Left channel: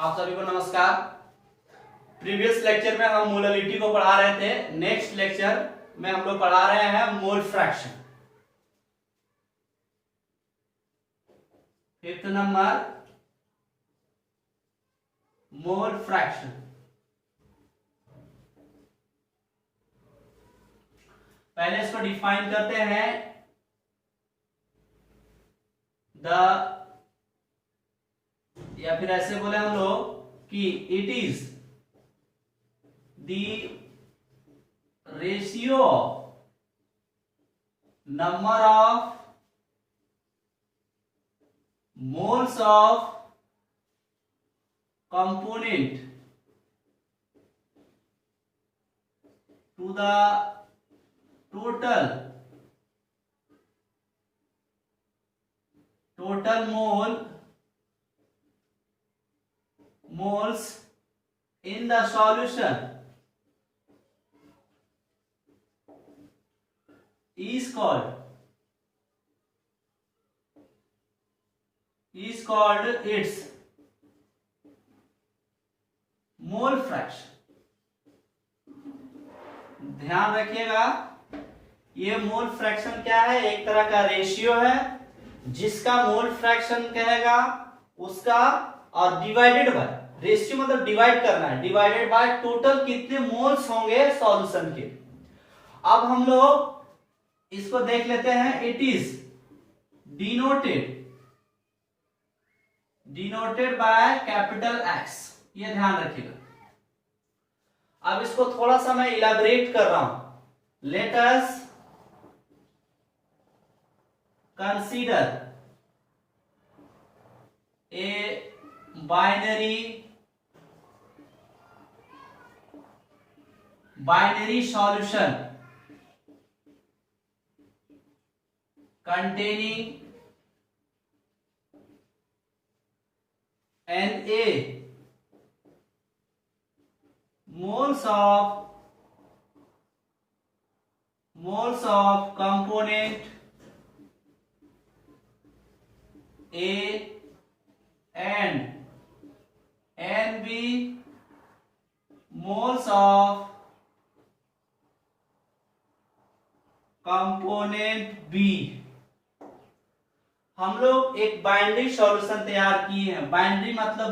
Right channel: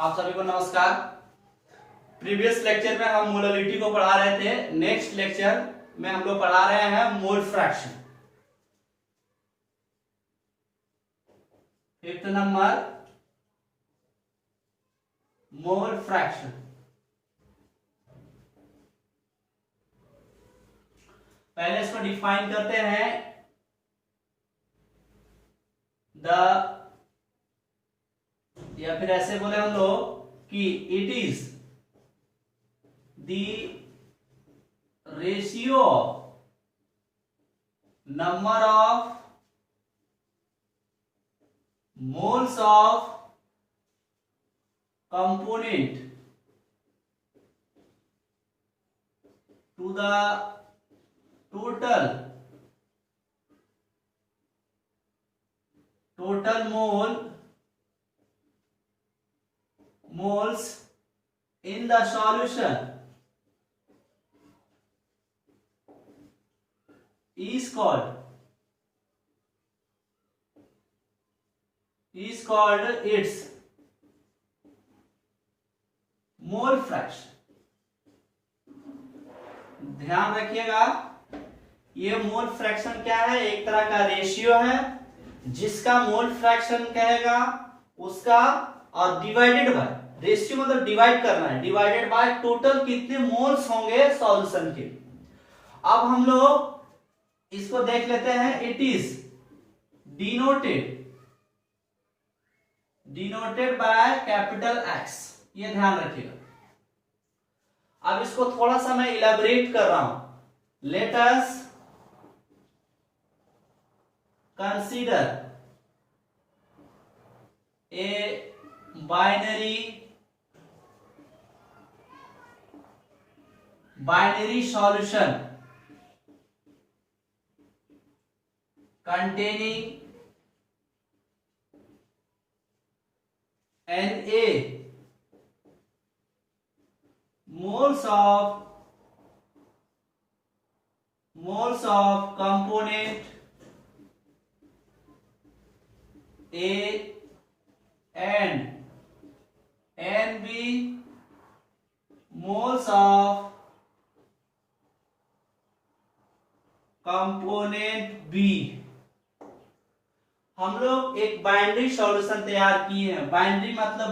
आप सभी को नमस्कार। प्रीवियस लेक्चर में हम मोलरिटी को पढ़ा रहे थे। नेक्स्ट लेक्चर में हम लोग पढ़ा रहे हैं mole fraction. Fifth number mole fraction. पहले इसको डिफाइन करते हैं। या फिर ऐसे बोले हम लोग कि it is the ratio number of moles of component to the total moles in the solution is called its mole fraction. ध्यान रखिएगा, ये मोल फ्रैक्शन क्या है? एक तरह का रेशियो है जिसका मोल फ्रैक्शन कहेगा उसका, और डिवाइडेड बाय, रेशियो मतलब डिवाइड करना है, डिवाइडेड बाय टोटल कितने मोल्स होंगे सॉल्यूशन के। अब हम लोग इसको देख लेते हैं। It is denoted by capital x, ये ध्यान रखिएगा। अब इसको थोड़ा सा मैं इलैबोरेट कर रहा हूं। Let us consider a binary solution containing Na moles of component A and B moles of component B। हम लोग एक बाइनरी सॉल्यूशन तैयार किए हैं। बाइनरी मतलब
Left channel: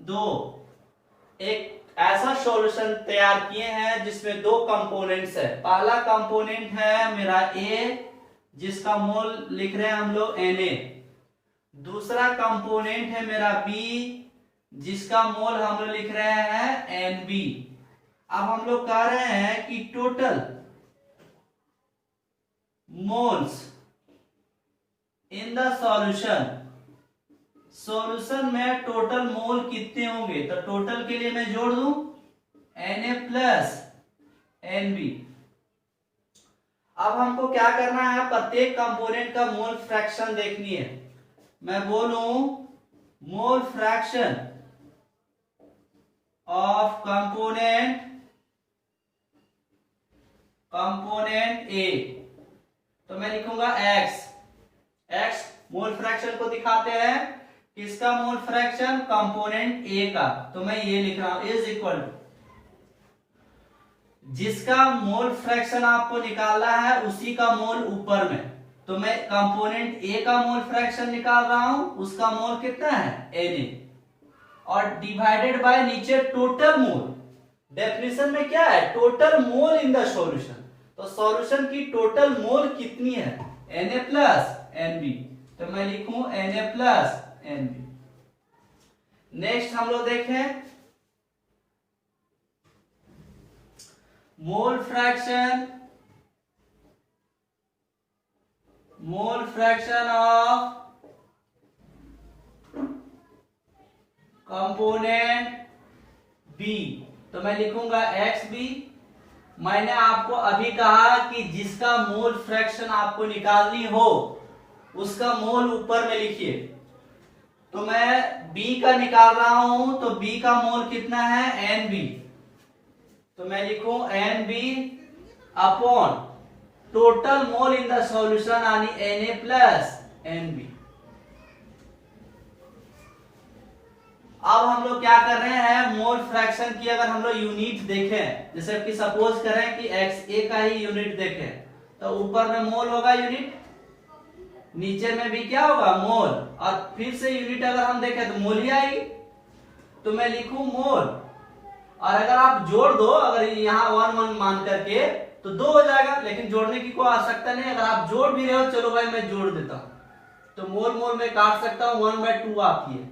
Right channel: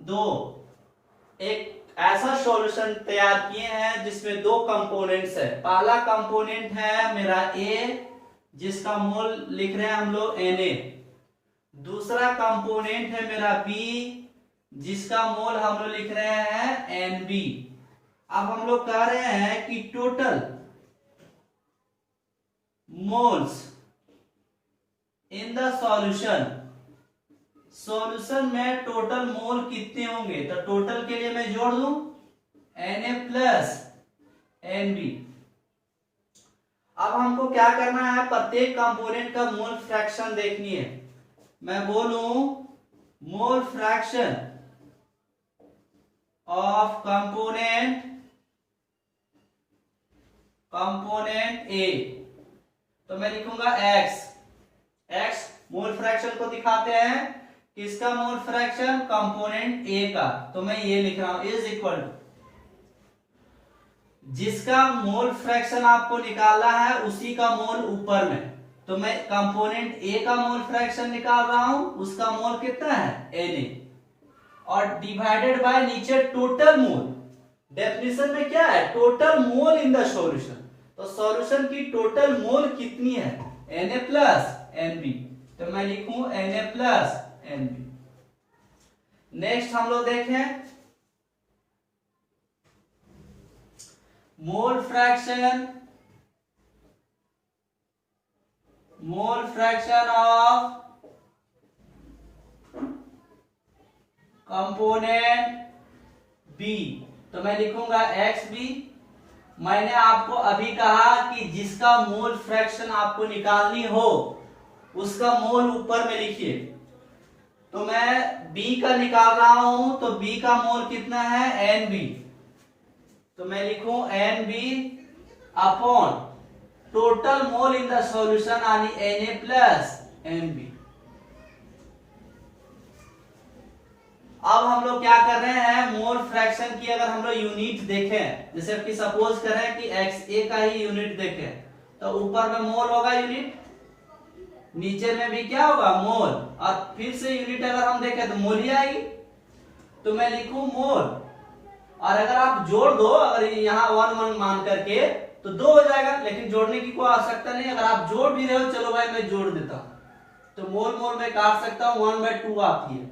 दो, एक ऐसा सॉल्यूशन तैयार किए हैं जिसमें दो कंपोनेंट्स है। पहला कंपोनेंट है मेरा A, जिसका मोल लिख रहे हैं हम लोग Na। दूसरा कंपोनेंट है मेरा B, जिसका मोल हम लोग लिख रहे हैं Nb। अब हम लोग कह रहे हैं कि total moles in the solution में टोटल मोल कितने होंगे? तो टोटल के लिए मैं जोड़ दूं Na प्लस Nb। अब हमको क्या करना है? प्रत्येक कंपोनेंट का मोल फ्रैक्शन देखनी है। मैं बोलूं mole fraction of component A, तो मैं लिखूंगा x मोल फ्रैक्शन को दिखाते हैं। किसका मोल फ्रैक्शन? कंपोनेंट A का। तो मैं ये लिख रहा हूं इज इक्वल टू, जिसका मोल फ्रैक्शन आपको निकालना है उसी का मोल ऊपर में। तो मैं कंपोनेंट A का मोल फ्रैक्शन निकाल रहा हूं, उसका मोल कितना है Na, और डिवाइडेड बाय नीचे टोटल मोल। डेफिनेशन में क्या है? Total mole in the solution. तो सॉल्यूशन की टोटल मोल कितनी है? Na plus Nb। तो मैं लिखूं Na प्लस Nb। नेक्स्ट हम लोग देखें mole fraction of component B। तो मैं लिखूंगा Xb। मैंने आपको अभी कहा कि जिसका मोल फ्रैक्शन आपको निकालनी हो उसका मोल ऊपर में लिखिए। तो मैं B का निकाल रहा हूं, तो B का मोल कितना है? Nb। तो मैं लिखूं Nb upon total mole in the solution यानी Na प्लस Nb। अब हम लोग क्या कर रहे हैं, मोल फ्रैक्शन की अगर हम लोग यूनिट देखें, जैसे कि सपोज करें कि XA का ही यूनिट देखें, तो ऊपर में मोल होगा यूनिट, नीचे में भी क्या होगा मोल, और फिर से यूनिट अगर हम देखें तो मोल ही आएगी। तो मैं लिखूं मोल, और अगर आप जोड़ दो, अगर यहाँ 1 1 मान करके तो 2 हो जाएगा, लेकिन जोड़ने की कोई आवश्यकता नहीं। अगर आप जोड़ भी रहे हो, चलो भाई मैं जोड़ देता हूं, तो मोल मोल में काट सकता हूं, 1/2 आती है।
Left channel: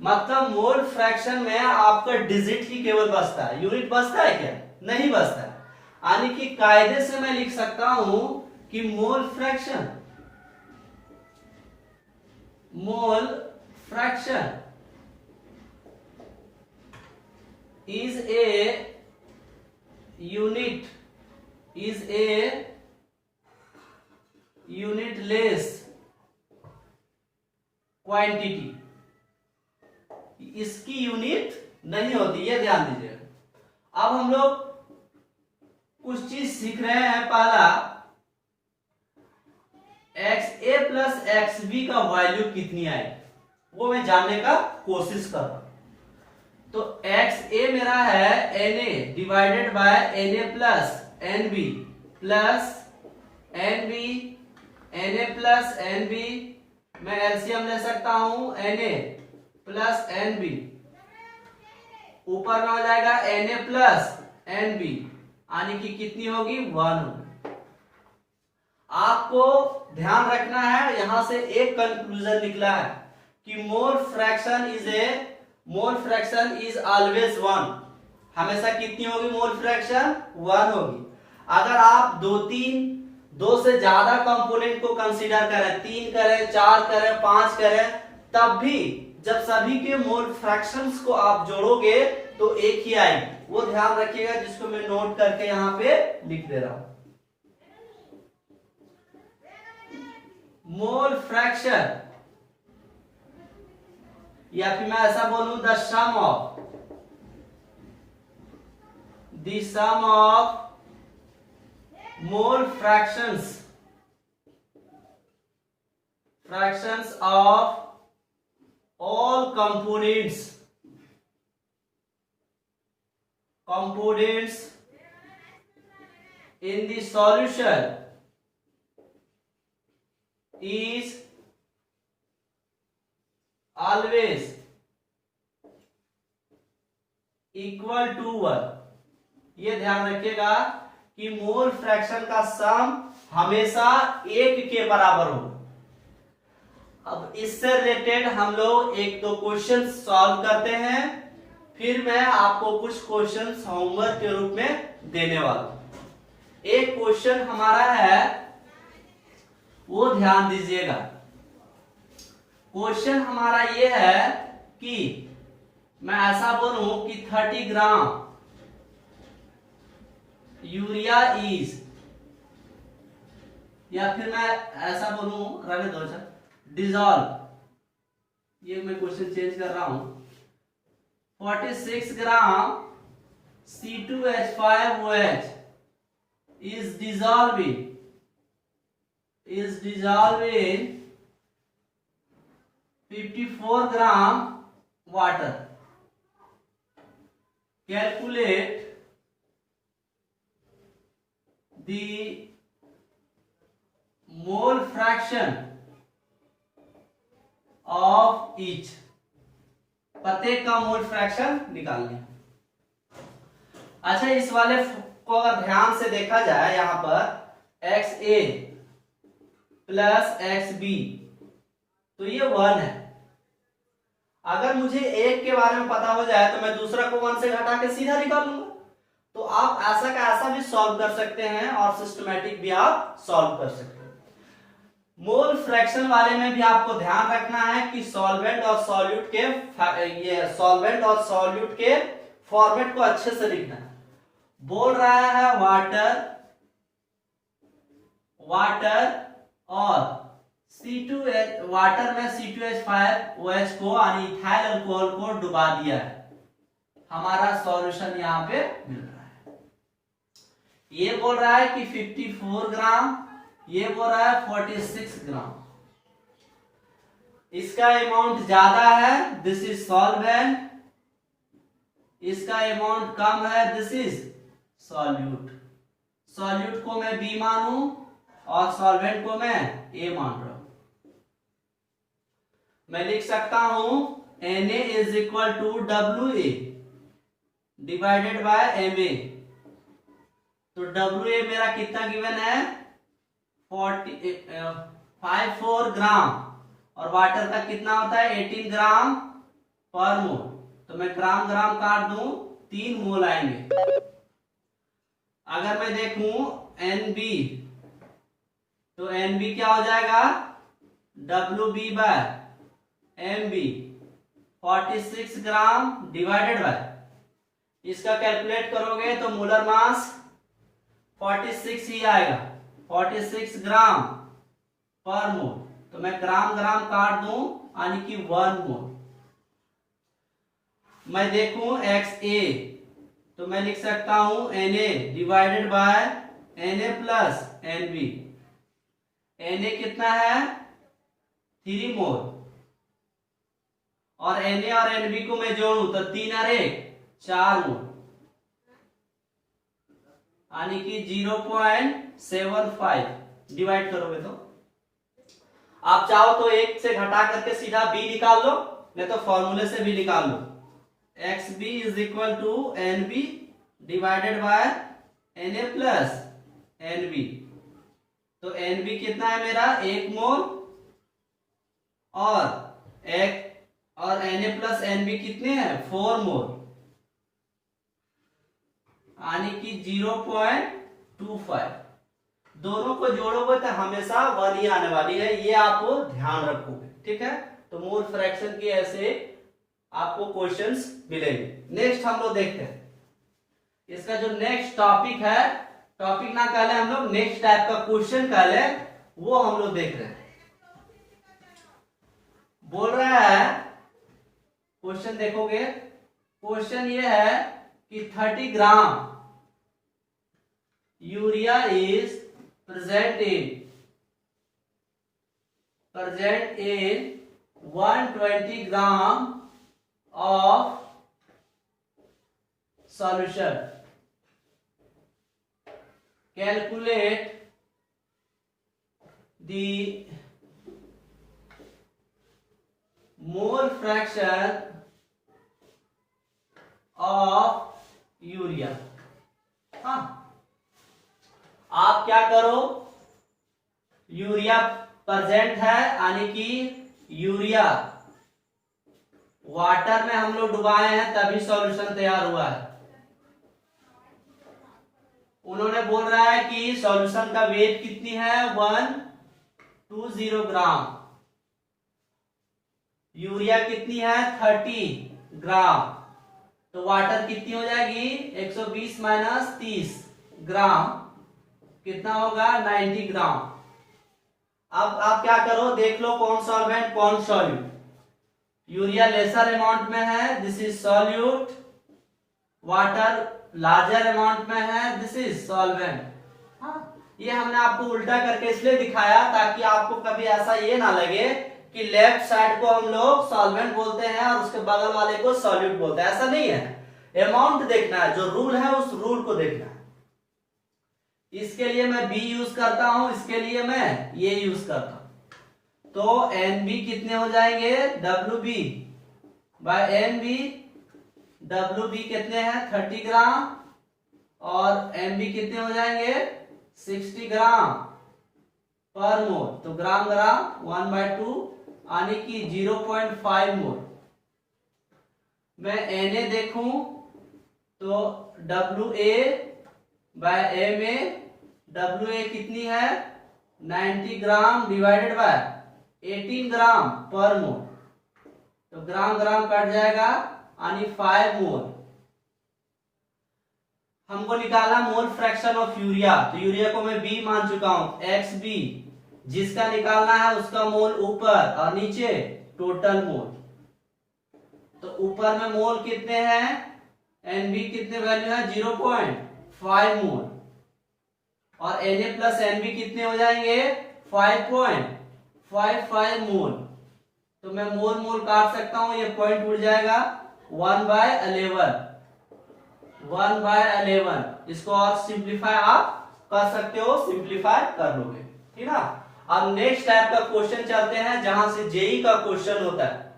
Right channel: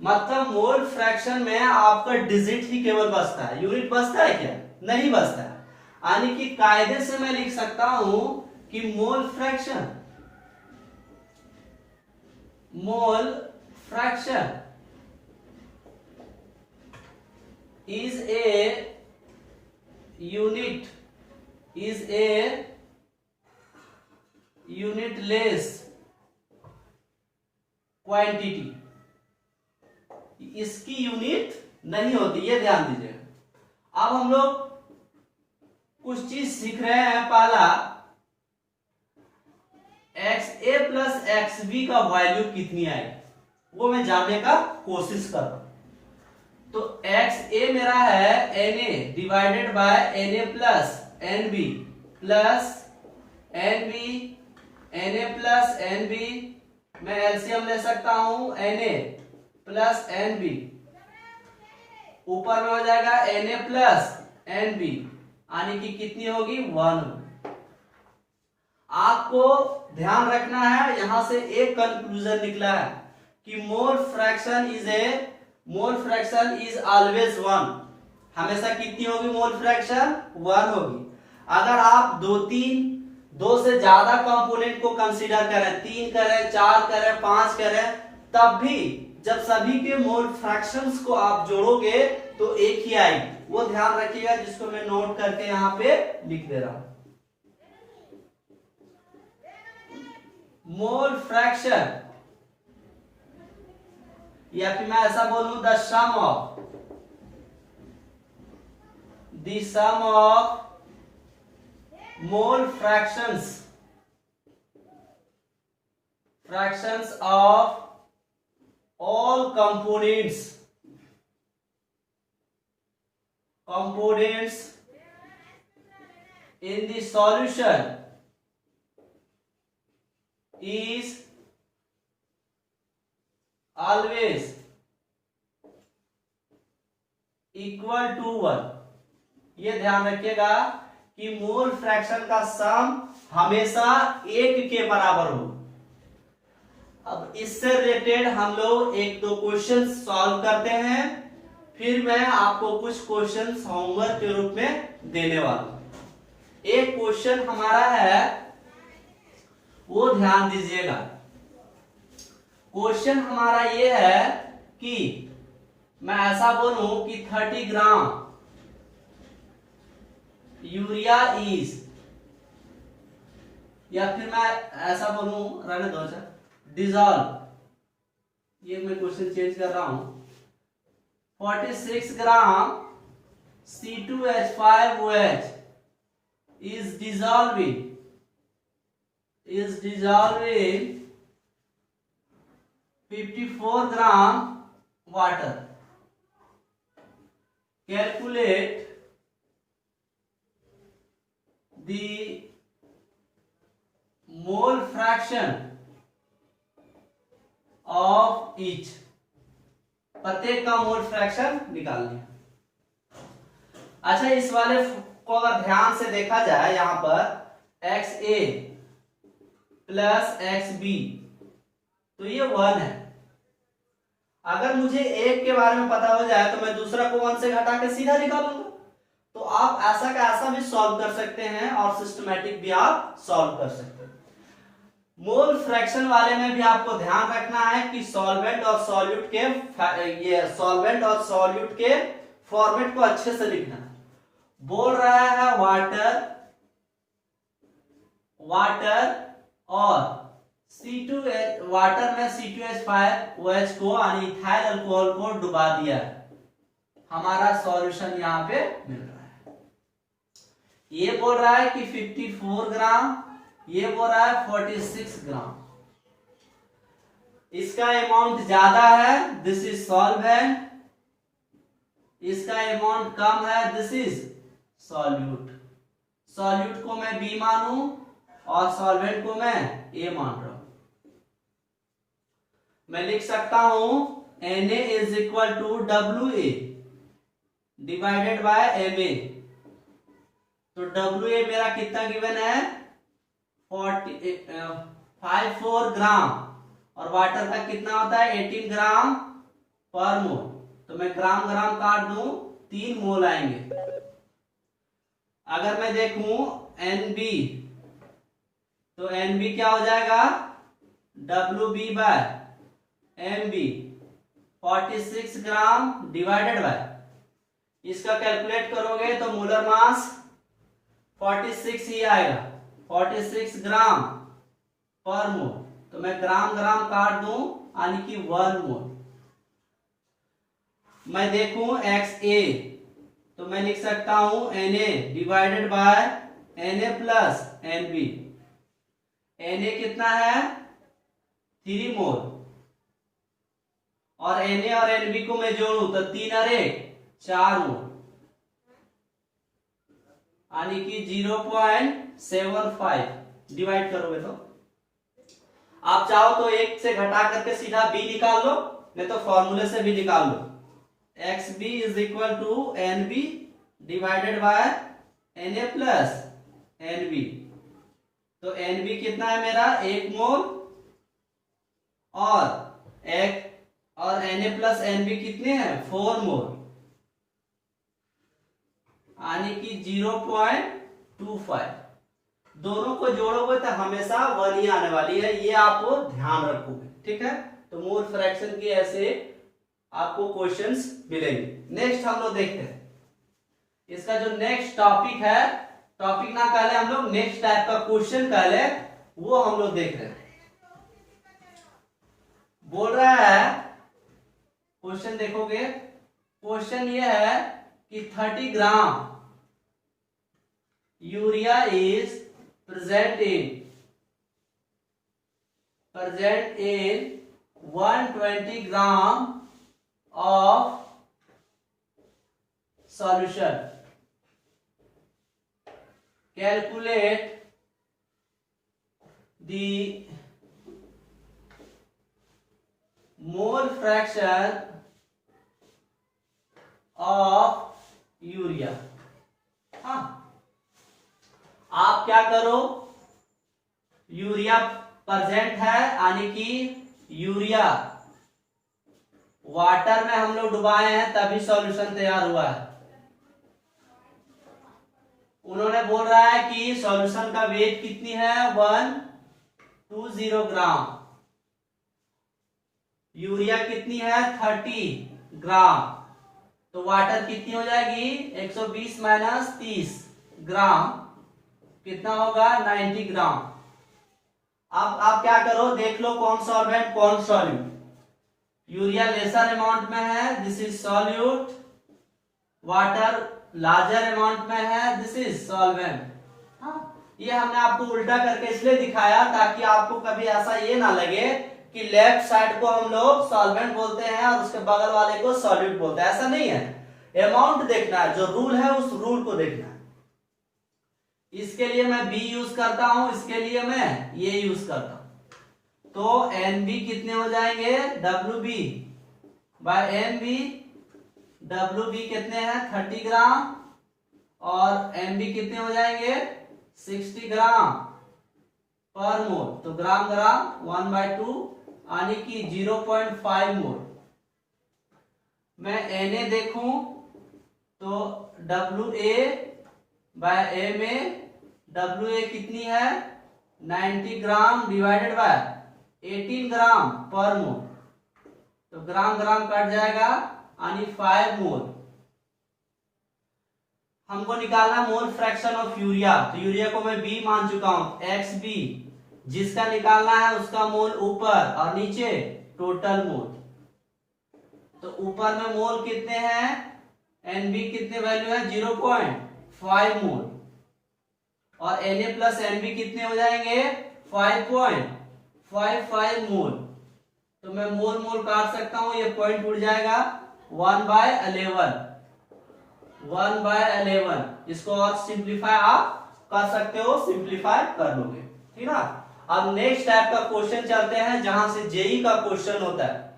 मतलब मोल फ्रैक्शन में आपका डिजिट ही केवल बचता है, यूनिट बचता है क्या, नहीं बचता है। यानी कि कायदे से मैं लिख सकता हूं कि mole fraction is a unitless quantity, इसकी यूनिट नहीं होती, ये ध्यान दीजिएगा। अब हम लोग कुछ चीज सीख रहे हैं। पहला, XA प्लस XB का वैल्यू कितनी आएगी वो मैं जानने का कोशिश कर रहा हूं। तो XA मेरा है Na divided by Na plus NB plus NB, Na plus NB, मैं एलसीएम ले सकता हूं Na प्लस NB, ऊपर में हो जाएगा Na प्लस NB, यानी कि कितनी होगी 1। आपको ध्यान रखना है, यहां से एक कंक्लूजन निकला है कि मोल फ्रैक्शन इज ऑलवेज 1। हमेशा कितनी होगी मोल फ्रैक्शन, 1 होगी। अगर आप 2 से ज्यादा कंपोनेंट को कंसीडर करें, 3 करें, 4 करें, 5 करें, तब भी जब सभी के मोल फ्रैक्शंस को आप जोड़ोगे तो एक ही आएगी। वो ध्यान रखिएगा, जिसको मैं नोट करके यहां पे लिख दे रहा हूं। मोल फ्रैक्शन, या फिर मैं ऐसा बोलूं the sum of mole fractions of all components in the solution is always equal to 1। ये ध्यान रखिएगा कि मोल फ्रैक्शन का सम हमेशा 1 के बराबर हो। अब इससे रिलेटेड हम लोग 1-2 क्वेश्चन सॉल्व करते हैं, फिर मैं आपको कुछ क्वेश्चन होमवर्क के रूप में देने वाला हूं। एक क्वेश्चन हमारा है, वो ध्यान दीजिएगा। क्वेश्चन हमारा ये है कि मैं ऐसा बोलूं कि 30 ग्राम यूरिया इज, या फिर मैं ऐसा बोलूं, रहने दो सर, डिजॉल्व, ये मैं क्वेश्चन चेंज कर रहा हूं, 46 ग्राम C2H5OH is dissolving 54 gram water. Calculate the mole fraction of each, प्रत्येक का मोल फ्रैक्शन निकालने। अच्छा, इस वाले को अगर ध्यान से देखा जाए, यहां पर XA प्लस XB, तो ये 1 है। अगर मुझे एक के बारे में पता हो जाए तो मैं दूसरा को 1 से घटा के सीधा निकालूंगा। तो आप ऐसा का ऐसा भी सॉल्व कर सकते हैं और सिस्टमैटिक भी आप सॉल्व कर सकते हैं। मोल फ्रैक्शन वाले में भी आपको ध्यान रखना है कि सॉल्वेंट और सॉल्यूट के फॉर्मेट को अच्छे से लिखना है। बोल रहा है वाटर और वाटर में C2H5OH को यानी इथाइल अल्कोहल को डुबा दिया है, हमारा सॉल्यूशन यहां पे मिल रहा है। ये बोल रहा है कि 54 ग्राम, ये बोल रहा है 46 ग्राम। इसका अमाउंट ज्यादा है, दिस इज सॉल्वेंट। इसका अमाउंट कम है, दिस इज सॉल्यूट। सॉल्यूट को मैं बी मानूं और सॉल्वेंट को मैं ए मान रहा हूं। मैं लिख सकता हूं Na is equal to WA divided by Ma। तो WA मेरा कितना गिवन है 54 ग्राम, और वाटर का कितना होता है 18 ग्राम पर मोल। तो मैं ग्राम ग्राम काट दूं, 3 मोल आएंगे। अगर मैं देखूं NB, तो NB क्या हो जाएगा WB by MB 46 gram divided by, इसका कैलकुलेट करोगे तो मोलर मास 46 ही आएगा, 46 ग्राम पर मोल। तो मैं ग्राम ग्राम काट दूं, यानी कि 1 मोल। मैं देखूं XA, तो मैं लिख सकता हूं Na divided by Na plus NB। Na कितना है 3 मोल, और Na और NB को मैं जोड़ूं तो 3 और 1 4 मोल, यानी कि 0.75 डिवाइड करोगे तो आप चाहो तो 1 से घटा करके सीधा B निकाल लो, नहीं तो फॉर्मूले से भी निकाल लो। XB is equal to NB divided by Na plus NB। तो NB कितना है मेरा 1 मोल, और Na प्लस NB कितने हैं 4 मोल, यानी कि 0.25। दोनों को जोड़ोगे तो हमेशा 1 ही आने वाली है, ये आप ध्यान रखोगे, ठीक है। तो मोल फ्रैक्शन की ऐसे आपको क्वेश्चंस मिलेंगे। नेक्स्ट हम लोग देखते हैं, इसका जो नेक्स्ट टॉपिक है, टॉपिक ना कहले हम लोग नेक्स्ट टाइप का क्वेश्चन कहले, वो हम लोग देख रहे हैं। बोल रहा है क्वेश्चन, देखोगे क्वेश्चन ये है कि 30 gram urea is present in 120 gram of solution. Calculate the mole fraction of urea. हाँ, आप क्या करो, यूरिया प्रेजेंट है, यानी कि यूरिया वाटर में हम लोग डुबाए हैं तभी सॉल्यूशन तैयार हुआ है। उन्होंने बोल रहा है कि सॉल्यूशन का वेट कितनी है 120 ग्राम, यूरिया कितनी है 30 ग्राम, तो वाटर कितनी हो जाएगी 120 माइनस 30 ग्राम, कितना होगा 90 ग्राम। अब आप क्या करो, देख लो कौन सॉल्वेंट कौन सॉल्यूट। यूरिया लेसर अमाउंट में है, this is solute. Water larger amount में है, दिस इज सॉल्वेंट। ये हमने आपको उल्टा करके इसलिए दिखाया ताकि आपको कभी ऐसा ये ना लगे कि लेफ्ट साइड को हम लोग सॉल्वेंट बोलते हैं और उसके बगल वाले को सॉल्यूट बोलते हैं, ऐसा नहीं है। अमाउंट देखना है, जो रूल है उस रूल को देखना है। इसके लिए मैं बी यूज करता हूं, इसके लिए मैं ये यूज करता हूं। तो एनबी कितने हो जाएंगे WB बाय एमबी। WB कितने हैं 30 ग्राम, और MB कितने हो जाएंगे 60 ग्राम पर मोल। तो ग्राम ग्राम 1/2, यानी कि 0.5 मोल। मैं Na देखूं तो WA बाय MA, WA कितनी है 90 ग्राम डिवाइडेड बाय 18 ग्राम पर मोल। तो ग्राम ग्राम कट जाएगा, यानी 5 मोल। हमको निकालना मोल फ्रैक्शन ऑफ यूरिया, तो यूरिया को मैं B मान चुका हूं, XB। जिसका निकालना है उसका मोल ऊपर और नीचे टोटल मोल। तो ऊपर में मोल कितने हैं, NB कितने वैल्यू है 0.5 मोल, और Na प्लस NB कितने हो जाएंगे 5.55 मोल। तो मैं मोल मोल काट सकता हूं, ये पॉइंट उड़ जाएगा 1/11, 1/11। इसको और सिंप्लीफाई आप कर सकते हो, सिंप्लीफाई कर लोगे, ठीक ना। अब नेक्स्ट टाइप का क्वेश्चन चलते हैं, जहां से जेई का क्वेश्चन होता है,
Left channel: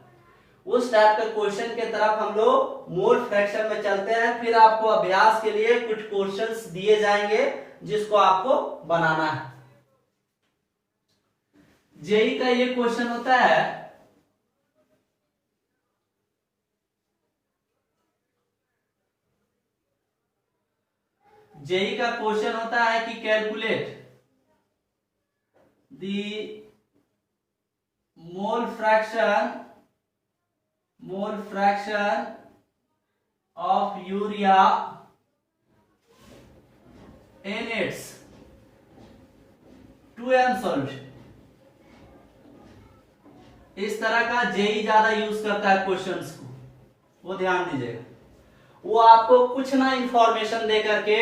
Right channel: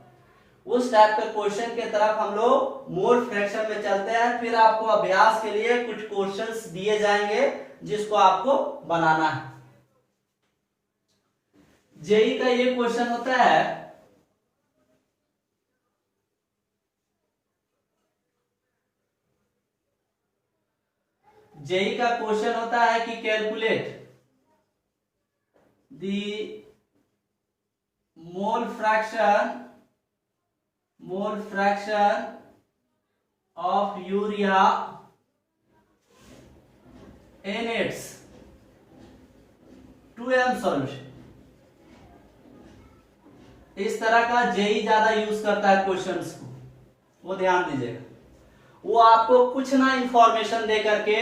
उस टाइप के क्वेश्चन के तरफ हम लोग मोल फ्रैक्शन में चलते हैं। फिर आपको अभ्यास के लिए कुछ क्वेश्चंस दिए जाएंगे जिसको आपको बनाना है। जेई का ये क्वेश्चन होता है, जेई का क्वेश्चन होता है कि calculate the mole fraction of urea in its 2m solution. इस तरह का जेई ज्यादा यूज करता है क्वेश्चंस को, वो ध्यान दीजिएगा। वो आपको कुछ ना इंफॉर्मेशन दे करके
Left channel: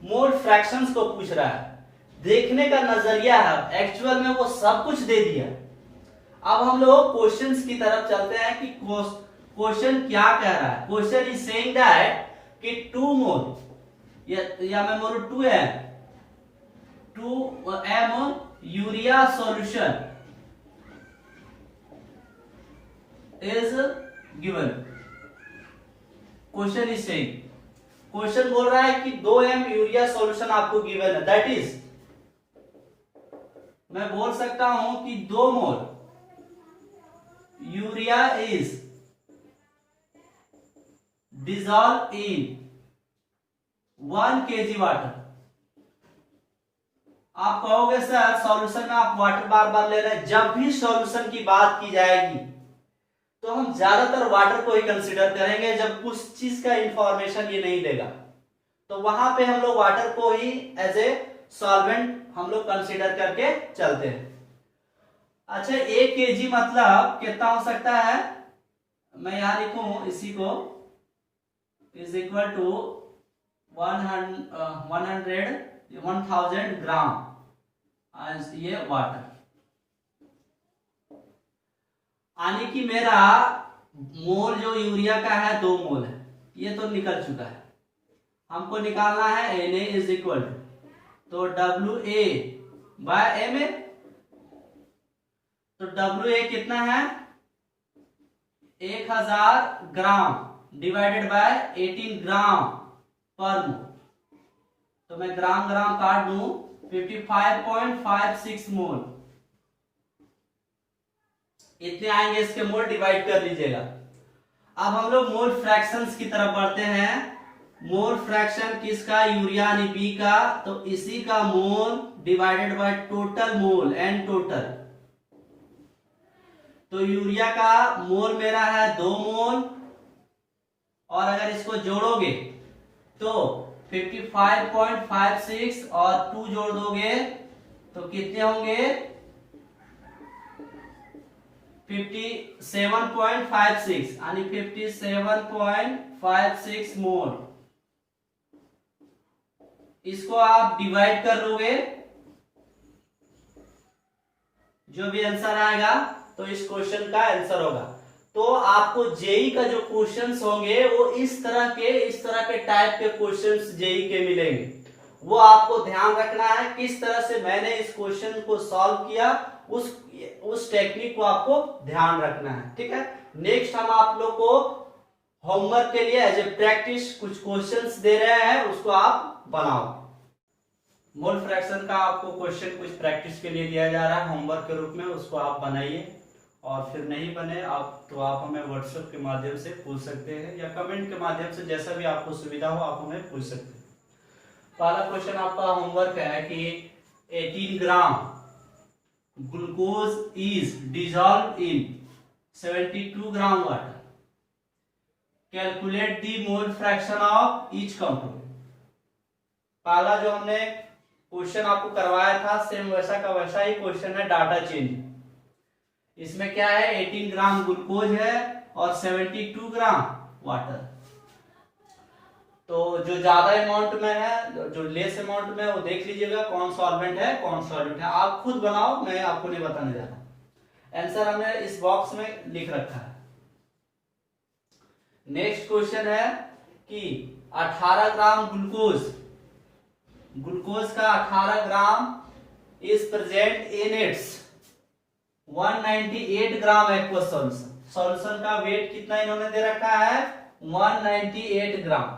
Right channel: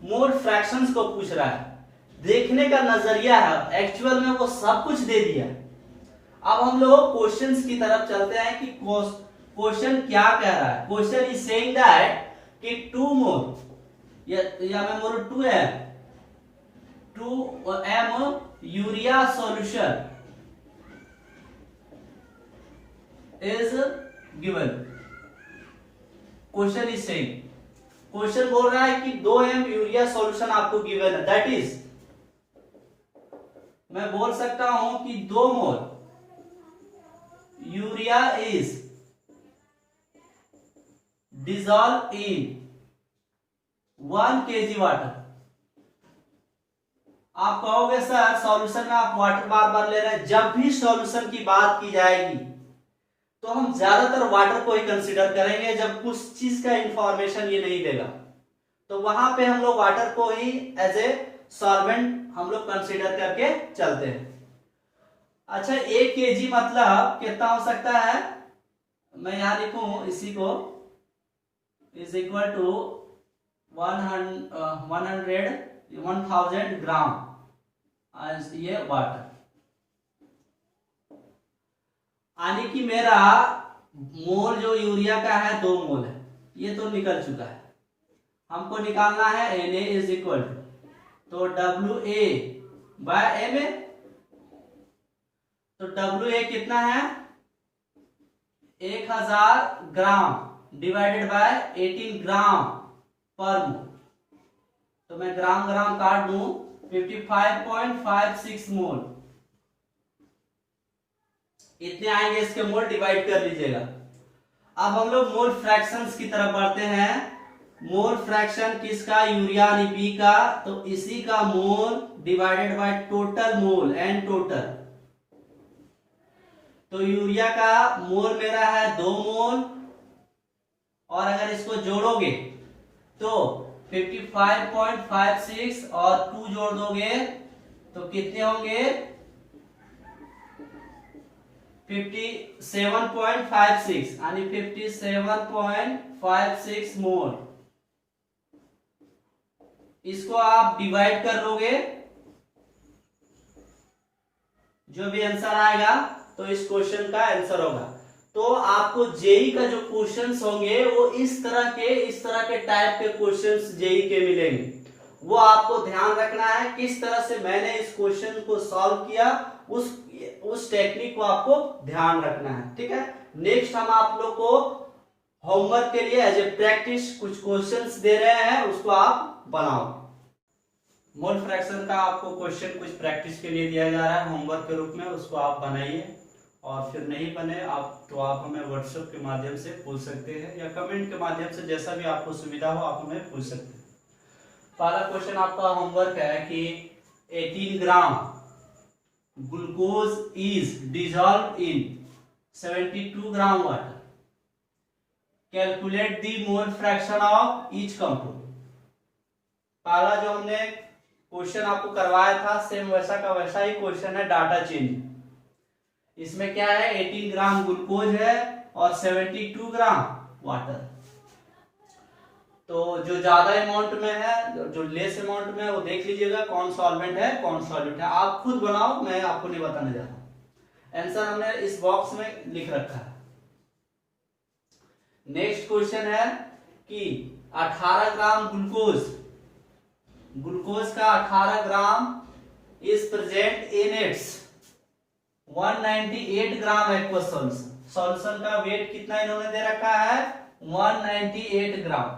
मोल फ्रैक्शंस को पूछ रहा है, देखने का नजरिया है, एक्चुअल में वो सब कुछ दे दिया। अब हम लोग क्वेश्चंस की तरफ चलते हैं कि क्वेश्चन क्या कह रहा है। क्वेश्चन इज सेइंग दैट कि 2 मोल या मैं बोलूं 2m urea solution is given. Question is saying, question बोल रहा है कि 2m यूरिया सॉल्यूशन आपको गिवन है, दैट इज मैं बोल सकता हूं कि 2 mole urea is dissolve in 1 kg water. आप कहोगे सर सॉल्यूशन में आप वाटर बार बार ले रहे हैं। जब भी सॉल्यूशन की बात की जाएगी तो हम ज्यादातर वाटर को ही कंसीडर करेंगे। जब कुछ चीज का इंफॉर्मेशन ये नहीं देगा तो वहां पे हम लोग वाटर को ही एज ए सॉल्वेंट हम लोग कंसीडर करके चलते हैं। अच्छा, 1 kg मतलब कितना हो सकता है, मैं यहां लिखूं इसी को, इज इक्वल टू 1000 ग्राम ये वाटर। यानी कि मेरा मोल जो यूरिया का है 2 मोल है, ये तो निकल चुका है। हमको निकालना है Na इज इक्वल टू, तो WA/Ma, तो WA कितना है 1000 ग्राम डिवाइडेड बाय 18 ग्राम पर मोल। तो मैं ग्राम ग्राम काट दूं, 55.56 मोल इतने आएंगे। इसके मोल डिवाइड कर लीजिएगा। अब हम लोग मोल फ्रैक्शंस की तरफ बढ़ते हैं। मोल फ्रैक्शन किसका, यूरिया यानी बी का, तो इसी का mole divided by total mole N total. तो यूरिया का मोल मेरा है 2 मोल, और अगर इसको जोड़ोगे तो 55.56 और 2 जोड़ दोगे तो कितने होंगे 57.56 यानी 57.56 मोल। इसको आप डिवाइड कर लोगे, जो भी आंसर आएगा तो इस क्वेश्चन का आंसर होगा। तो आपको जेई का जो क्वेश्चंस होंगे वो इस तरह के टाइप के क्वेश्चंस जेई के मिलेंगे। वो आपको ध्यान रखना है किस तरह से मैंने इस क्वेश्चन को सॉल्व किया, उस टेक्निक को आपको ध्यान रखना है, ठीक है। नेक्स्ट हम आप लोग को होमवर्क के लिए एज ए प्रैक्टिस कुछ क्वेश्चंस दे रहे हैं, उसको आप बनाओ। मोल फ्रैक्शन का आपको क्वेश्चन कुछ प्रैक्टिस के लिए दिया जा रहा है होमवर्क के रूप में, उसको आप बनाइए। और फिर नहीं बने आप तो आप हमें व्हाट्सएप के माध्यम से पूछ सकते हैं, या कमेंट के माध्यम से, जैसा भी आपको सुविधा हो आप हमें पूछ सकते हैं। पहला क्वेश्चन आपका होमवर्क है कि 18 gram glucose is dissolve in 72 gram water, calculate the mole fraction of each compound. पहला जो हमने क्वेश्चन आपको करवाया था सेम वैसा का वैसा ही क्वेश्चन है, डाटा चेंज। इसमें क्या है 18 ग्राम ग्लूकोज है और 72 ग्राम वाटर। तो जो ज्यादा अमाउंट में है, जो लेस अमाउंट में है, वो देख लीजिएगा कौन सॉल्वेंट है कौन सॉल्यूट है। आप खुद बनाओ, मैं आपको नहीं बताने जा रहा। आंसर हमने इस बॉक्स में लिख रखा है। नेक्स्ट क्वेश्चन है कि 18 ग्राम ग्लूकोज का 18 gram is present in its 198 gram aqueous solution. Solution का वेट कितना इन्होंने दे रखा है 198 ग्राम।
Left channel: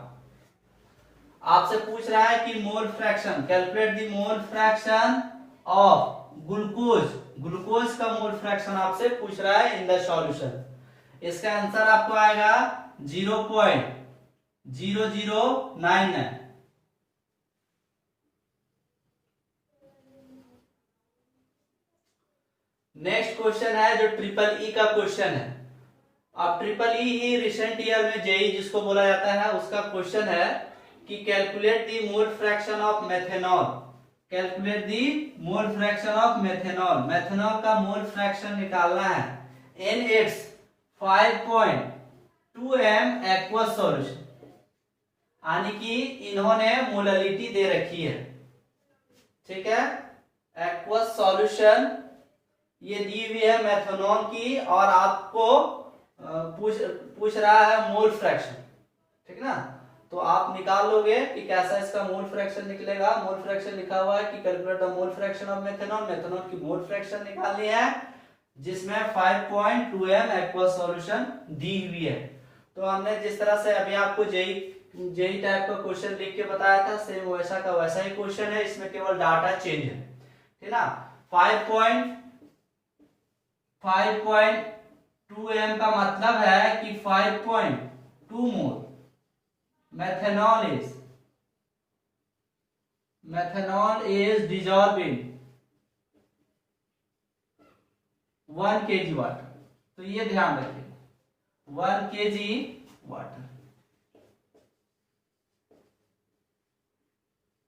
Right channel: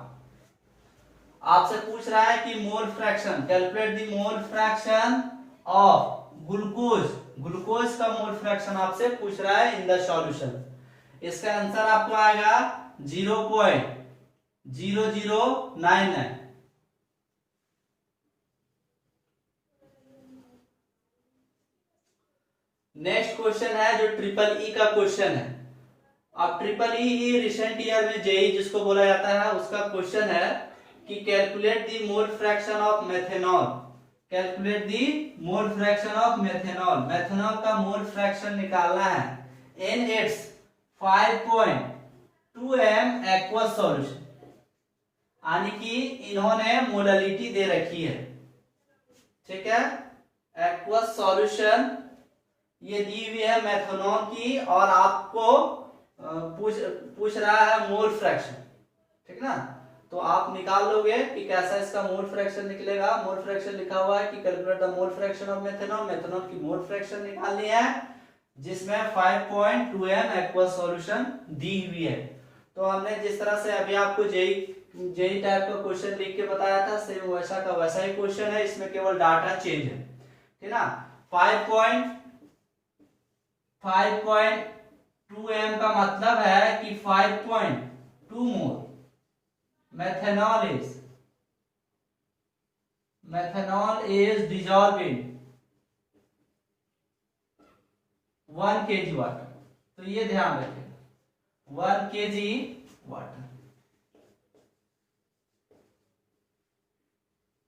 आपसे पूछ रहा है कि mole fraction, calculate the mole fraction of glucose का मोल फ्रैक्शन आपसे पूछ रहा है इन द सॉल्यूशन। इसका आंसर आपको आएगा 0.0099। नेक्स्ट क्वेश्चन है जो ट्रिपल ई का क्वेश्चन है। अब ट्रिपल ई ही रिसेंट ईयर में जेई जिसको बोला जाता है उसका क्वेश्चन है कि calculate the mole fraction of methanol. Calculate the mole fraction of methanol. Methanol का मोल फ्रैक्शन निकालना है in its 5.2 m aqueous solution. यानी कि इन्होंने मोडालिटी दे रखी है, ठीक है, एक्वस सॉल्यूशन ये दी हुई है मेथनॉल की, और आपको पूछ रहा है मोल फ्रैक्शन, ठीक ना। तो आप निकाल लोगे कि कैसा इसका मोल फ्रैक्शन निकलेगा। मोल फ्रैक्शन लिखा हुआ है कि calculate the mole fraction of methanol. Methanol की मोल फ्रैक्शन निकालनी है जिसमें 5.2 m एक्वस सॉल्यूशन दी हुई है। तो हमने जिस तरह से अभी आपको जेई टाइप का क्वेश्चन लिख के बताया था, सेम वैसा का वैसा ही क्वेश्चन है, इसमें केवल डाटा चेंज है, ठीक ना। 5.2 m का मतलब है कि 5.2 मोल methanol is dissolved in 1 kg water. तो ये ध्यान रखें 1 kg वाटर।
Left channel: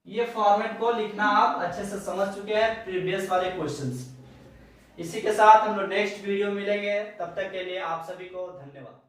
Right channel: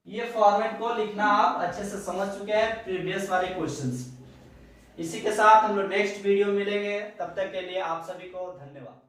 ये फॉर्मेट को लिखना आप अच्छे से समझ चुके हैं प्रीवियस वाले क्वेश्चंस। इसी के साथ हम लोग नेक्स्ट वीडियो मिलेंगे, तब तक के लिए आप सभी को धन्यवाद।